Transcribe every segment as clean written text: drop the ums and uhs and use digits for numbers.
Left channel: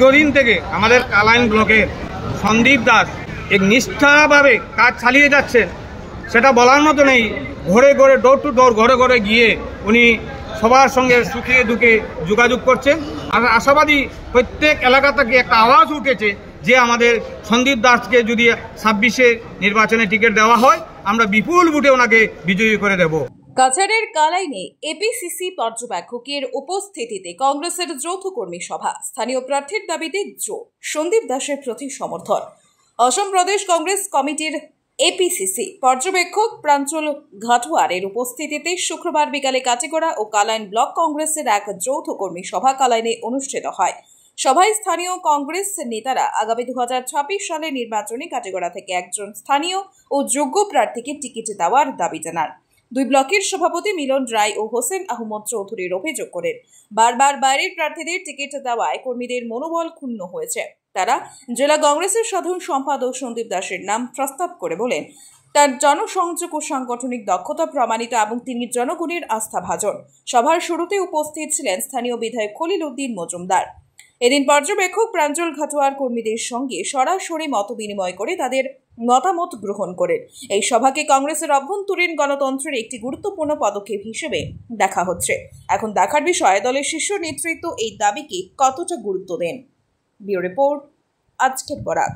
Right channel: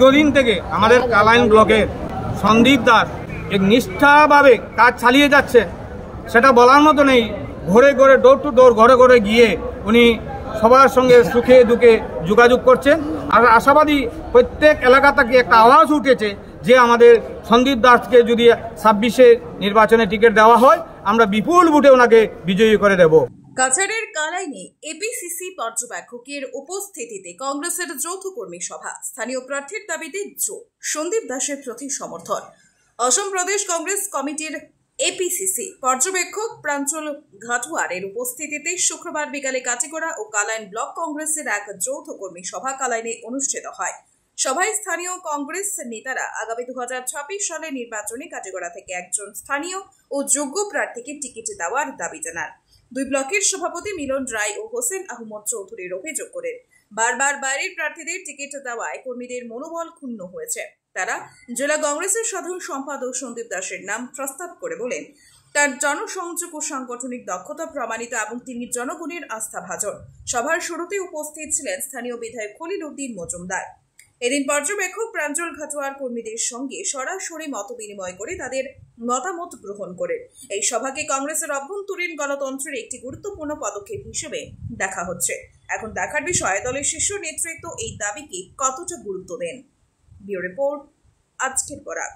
দীর্ঘদিন থেকে আমাদের কালাইন ব্লকের সন্দীপ দাস এক নিষ্ঠাভাবে কাজ চালিয়ে যাচ্ছেন, সেটা বলার মতো নেই। ঘরে ঘরে ডোর টু ডোর ঘরে ঘরে গিয়ে উনি সবার সঙ্গে সুখে দুঃখে যোগাযোগ করছেন। আর আশাবাদী প্রত্যেক এলাকা থেকে একটা আওয়াজ উঠেছে যে আমাদের সন্দীপ দাসকে যদি 26-এ নির্বাচনে টিকিট দেওয়া হয়, আমরা বিপুল ভোটে ওনাকে বিজয়ী করে দেব। কাছাড়ের কালাইনে এপিসিসি পর্যবেক্ষকের উপস্থিতিতে কংগ্রেসের যৌথ কর্মী সভা। স্থানীয় প্রার্থীর দাবিতে সন্দীপ দাসের প্রতি সমর্থন। অসম প্রদেশ কংগ্রেস কমিটির এপিসিসি পর্যবেক্ষক প্রাঞ্জল ঘাটুয়ারের উপস্থিতিতে শুক্রবার বিকালে কাটিগড়া ও কালাইন ব্লক কংগ্রেসের এক যৌথ কর্মী সভা কালাইনে অনুষ্ঠিত হয়। সভায় স্থানীয় কংগ্রেস নেতারা আগামী 2026 সালে নির্বাচনে কাটিগড়া থেকে একজন স্থানীয় ও যোগ্য প্রার্থীকে টিকিট দেওয়ার দাবি জানান। দুই ব্লকের সভাপতি মিলন রায় ও হোসেন আহমদ চৌধুরীর অভিযোগ করেন, বারবার বাইরের প্রার্থীদের টিকিট দেওয়ায় কর্মীদের মনোবল ক্ষুণ্ণ হয়েছে। তারা জেলা কংগ্রেসের সাধারণ সম্পাদক সন্দীপ দাসের নাম প্রস্তাব করে বলেন, তার জনসংযোগ ও সাংগঠনিক দক্ষতা প্রমাণিত এবং তিনি জনগণের আস্থাভাজন। সভার শুরুতে উপস্থিত ছিলেন স্থানীয় বিধায়ক খলিল উদ্দিন মজুমদার। এদিন পর্যবেক্ষক প্রাঞ্জল ঘাটুয়ার কর্মীদের সঙ্গে সরাসরি মত বিনিময় করে তাদের মতামত গ্রহণ করেন। এই সভাকে কংগ্রেসের অভ্যন্তরীণ গণতন্ত্রের একটি গুরুত্বপূর্ণ পদক্ষেপ হিসেবে দেখা হচ্ছে। এখন দেখার বিষয় দলের শীর্ষ নেতৃত্ব এই দাবিকে কতটা গুরুত্ব দেন। ব্যুরো রিপোর্ট, আজকের বরাক।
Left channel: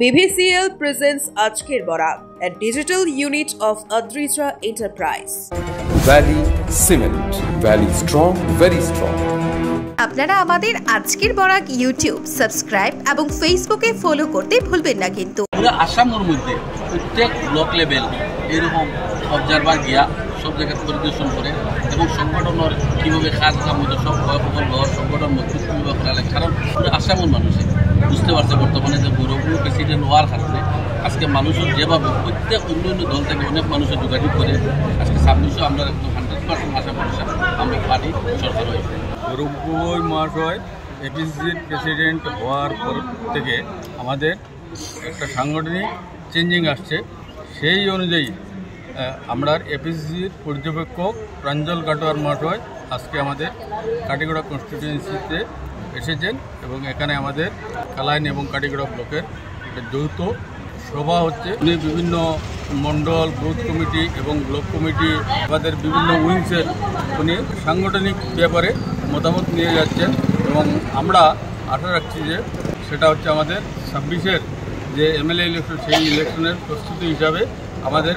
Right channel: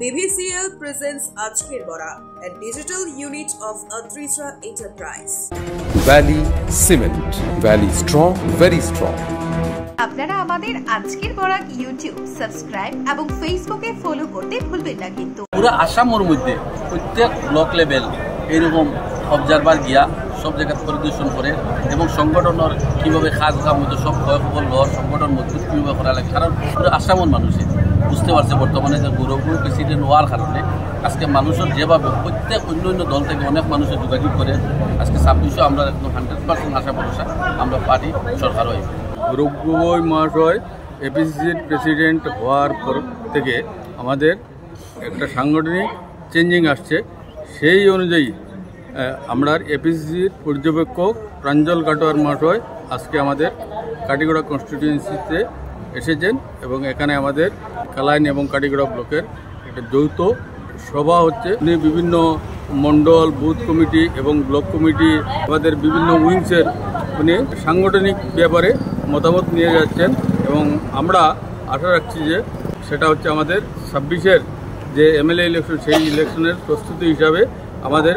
BVCL presents আজকের Barak, a digital unit of Adrija Enterprise. Valley Cement, Valley strong, very strong. আপনারা আমাদের আজকের বরাক ইউটিউব সাবস্ক্রাইব এবং ফেসবুকে ফলো করতে ভুলবেন না। কিন্তু পুরো আসামের মধ্যে প্রত্যেক ব্লক লেভেল এরকম অবজারভার গিয়া সব জায়গা পরিদর্শন করে এবং সংগঠনের কীভাবে কাজ কাম হতো সব সকল সংগঠন মজবুত কীভাবে করা লাগে। কারণ পুরো আসামের মানুষই বুঝতে পারছে বর্তমানে যে গৌরবপুর প্রেসিডেন্ট হওয়ার কারণে আজকে মানুষের যেভাবে প্রত্যেক অন্য অন্য দল থেকে অনেক মানুষের যোগাযোগ করে আজকে 26-এ আমরা 100% আশা ভরসা আমরা পার্টি সরকার হয়ে গৌরব গগৈ মহাশয় এপিসিসির প্রেসিডেন্ট হওয়ার পর থেকে আমাদের একটা সাংগঠনিক চেঞ্জিং আসছে। সেই অনুযায়ী আমরা এপিসিসির পর্যবেক্ষক প্রাঞ্জল ঘাটুয়ার মহাশয় আজকে আমাদের কাটিগড়া কনস্টিটিউয়েন্সিতে এসেছেন এবং এখানে আমাদের কালাইন এবং কাটিগড়া ব্লকের একটা যৌথ সভা হচ্ছে। উনি বিভিন্ন মণ্ডল, বুথ কমিটি এবং ব্লক কমিটি আমাদের বিভিন্ন উইংসের উনি সাংগঠনিক ব্যাপারে মতামত নিয়ে যাচ্ছেন এবং আমরা আশা রাখছি যে সেটা হচ্ছে আমাদের 26-এর যে এমএলএ ইলেকশন, সেই ইলেকশনের প্রস্তুতি হিসাবে আমাদের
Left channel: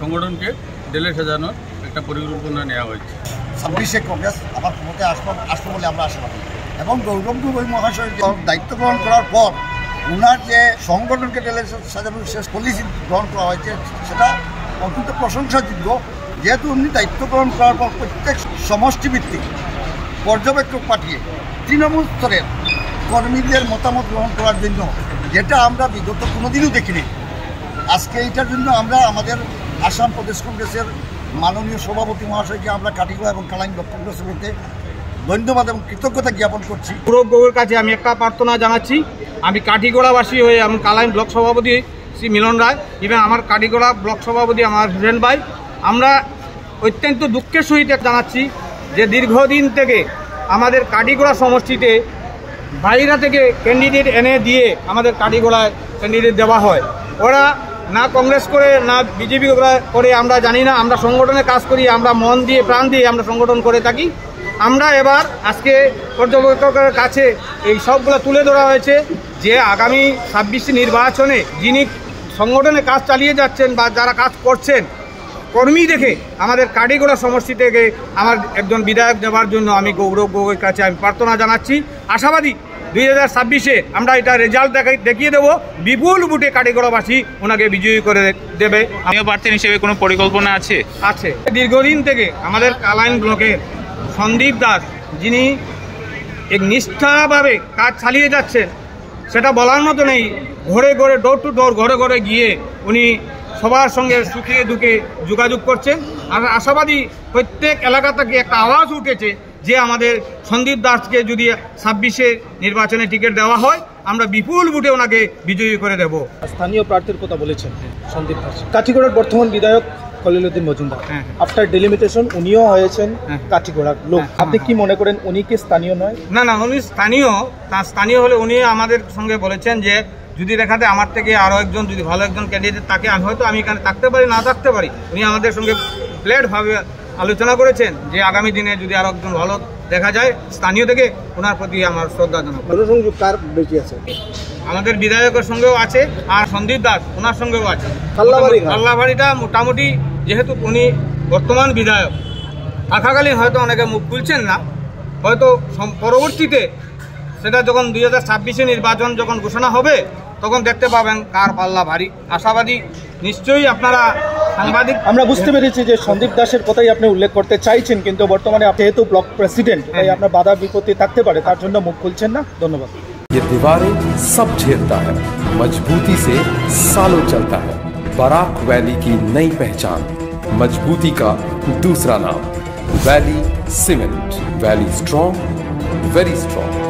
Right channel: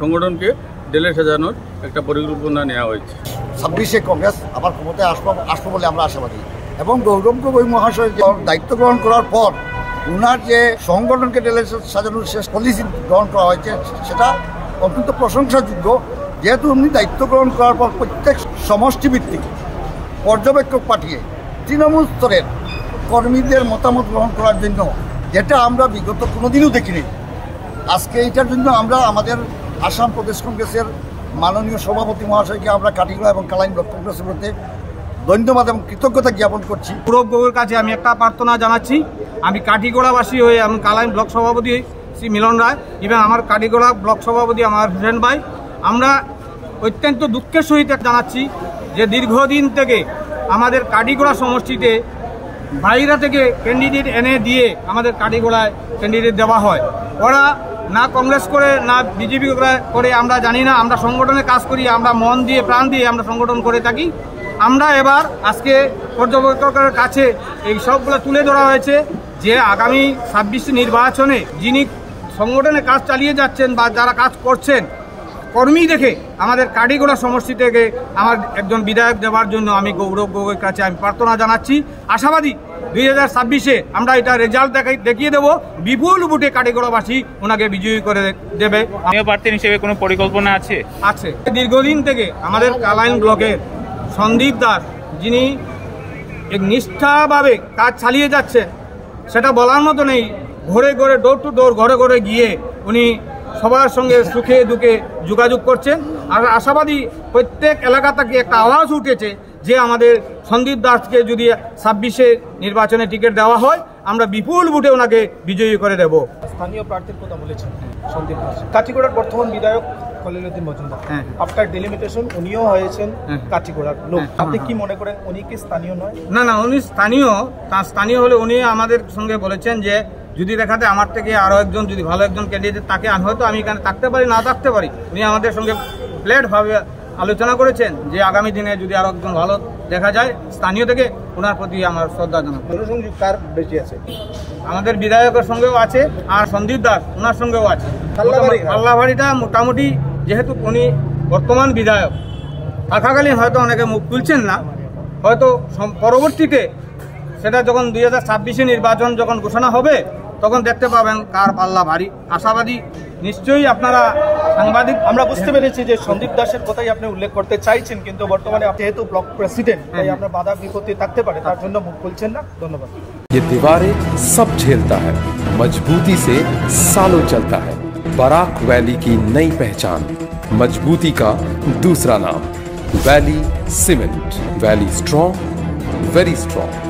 সংগঠনকে ঢেলে সাজানোর একটা পরিকল্পনা নেওয়া হয়েছে। 26-এ কংগ্রেস আবার ক্ষমতায় আসবো বলে আমরা আশাবাদী এবং গৌরব গগৈ মহাশয় দায়িত্ব গ্রহণ করার পর উনার যে সংগঠনকে ঢেলে সাজানোর শেষ পলিসি গ্রহণ করা হয়েছে সেটা অত্যন্ত প্রশংসাযোগ্য। যেহেতু উনি দায়িত্ব গ্রহণ করার পর প্রত্যেক সমষ্টিভিত্তিক পর্যবেক্ষক পাঠিয়ে তৃণমূল স্তরের কর্মীদের মতামত গ্রহণ করার জন্য, যেটা আমরা বিগত কোনোদিনও দেখিনি। আজকে এইটার জন্য আমরা আমাদের আসাম প্রদেশ কংগ্রেসের মাননীয় সভাপতি মহাশয়কে আমরা কাটিগড়া এবং কালাইন ব্লক কংগ্রেসের মধ্যে ধন্যবাদ এবং কৃতজ্ঞতা জ্ঞাপন করছি। গৌরব গগৈর কাছে আমি একটা প্রার্থনা জানাচ্ছি। আমি কাটিগড়াবাসী হয়ে এবং কালাইন ব্লক সভাপতি শ্রী মিলন রায় এবং আমার কাটিগড়া ব্লক সভাপতি আমার হুসেন ভাই, আমরা অত্যন্ত দুঃখের সহিত জানাচ্ছি যে দীর্ঘদিন থেকে আমাদের কাটিগড়া সমষ্টিতে বাইরে থেকে ক্যান্ডিডেট এনে দিয়ে আমাদের কাটিগড়ায় ক্যান্ডিডেট দেওয়া হয়। ওরা না কংগ্রেস করে না বিজেপি করে আমরা জানি না। আমরা সংগঠনে কাজ করি, আমরা মন দিয়ে প্রাণ দিয়ে আমরা সংগঠন করে থাকি। আমরা এবার আজকে পর্যবেক্ষকের কাছে এই সবগুলো তুলে ধরা হয়েছে যে আগামী 26 নির্বাচনে যিনি সংগঠনে কাজ চালিয়ে যাচ্ছেন বা যারা কাজ করছেন কর্মী দেখে আমাদের কাটিগড়া সমষ্টি থেকে আমার একজন বিধায়ক দেওয়ার জন্য আমি গৌরব গগৈর কাছে আমি প্রার্থনা জানাচ্ছি। আশাবাদী 2026-এ আমরা এটা রেজাল্ট দেখিয়ে দেবো, বিপুল ভোটে কাটিগড়াবাসী ওনাকে বিজয়ী করে দেবে। প্রার্থী হিসেবে কোনো পরিকল্পনা আছে? দীর্ঘদিন থেকে আমাদের কালাইন ব্লকের সন্দীপ দাস যিনি এক নিষ্ঠাভাবে কাজ চালিয়ে যাচ্ছেন, সেটা বলার মতো নেই। ঘরে ঘরে ডোর টু ডোর ঘরে ঘরে গিয়ে উনি সবার সঙ্গে সুখে দুঃখে যোগাযোগ করছেন। আর আশাবাদী প্রত্যেক এলাকা থেকে একটা আওয়াজ উঠেছে যে আমাদের সন্দীপ দাসকে যদি 26-এ নির্বাচনে টিকিট দেওয়া হয়, আমরা বিপুল ভোটে ওনাকে বিজয়ী করে দেব। স্থানীয় প্রার্থীর কথা বলেছেন সন্দীপ দাস, কাঠিগড়ার বর্তমান বিধায়ক খলিলুদ্দিন মজুমদার, আফটার ডেলিমিটেশন উনিও হয়েছেন কাঠিগড়ার লোক। আপনি কি মনে করেন উনি কি স্থানীয় নয়? না না, উনি স্থানীয়। স্থানীয় হলে উনি আমাদের সঙ্গে বলেছেন যে যদি দেখাতে আমার থেকে আরও একজন যদি ভালো একজন ক্যান্ডিডেট তাকে হয়তো আমি এখানে থাকতে পারি, না থাকতে পারি। উনি আমাদের সঙ্গে প্লেটভাবে আলোচনা করেছেন যে আগামী দিনে যদি আরও একজন ভালো দেখা যায় স্থানীয় থেকে, ওনার প্রতি আমার শ্রদ্ধা জানাবো। জনসংযোগ কার বেশি আছে? আমাদের বিধায়কের সঙ্গেও আছে, আর সন্দীপ দাস ওনার সঙ্গেও আছে। পাল্লাবাড়িটা মোটামুটি, যেহেতু উনি বর্তমান বিধায়ক থাকাকালীন হয়তো অনেকে মুখ খুলছেন না, হয়তো পরবর্তীতে সেটা যখন 2026-এ নির্বাচন যখন ঘোষণা হবে তখন দেখতে পাবেন কার পাল্লা ভারী। আশাবাদী নিশ্চয়ই আপনারা সাংবাদিক। আমরা বুঝতে পেরেছি যে সন্দীপ দাসের কথাই আপনি উল্লেখ করতে চাইছেন, কিন্তু বর্তমানে যেহেতু ব্লক প্রেসিডেন্ট তাই আপনার বাধা বিপত্তি থাকতে পারে, তার জন্য মুখ খুলছেন না। ধন্যবাদ। ये दीवारें सब झेलता है, मजबूती से सालों चलता है। बराक वैली की नई पहचान, मजबूती का दूसरा नाम, valley cement. Valley strong, very strong.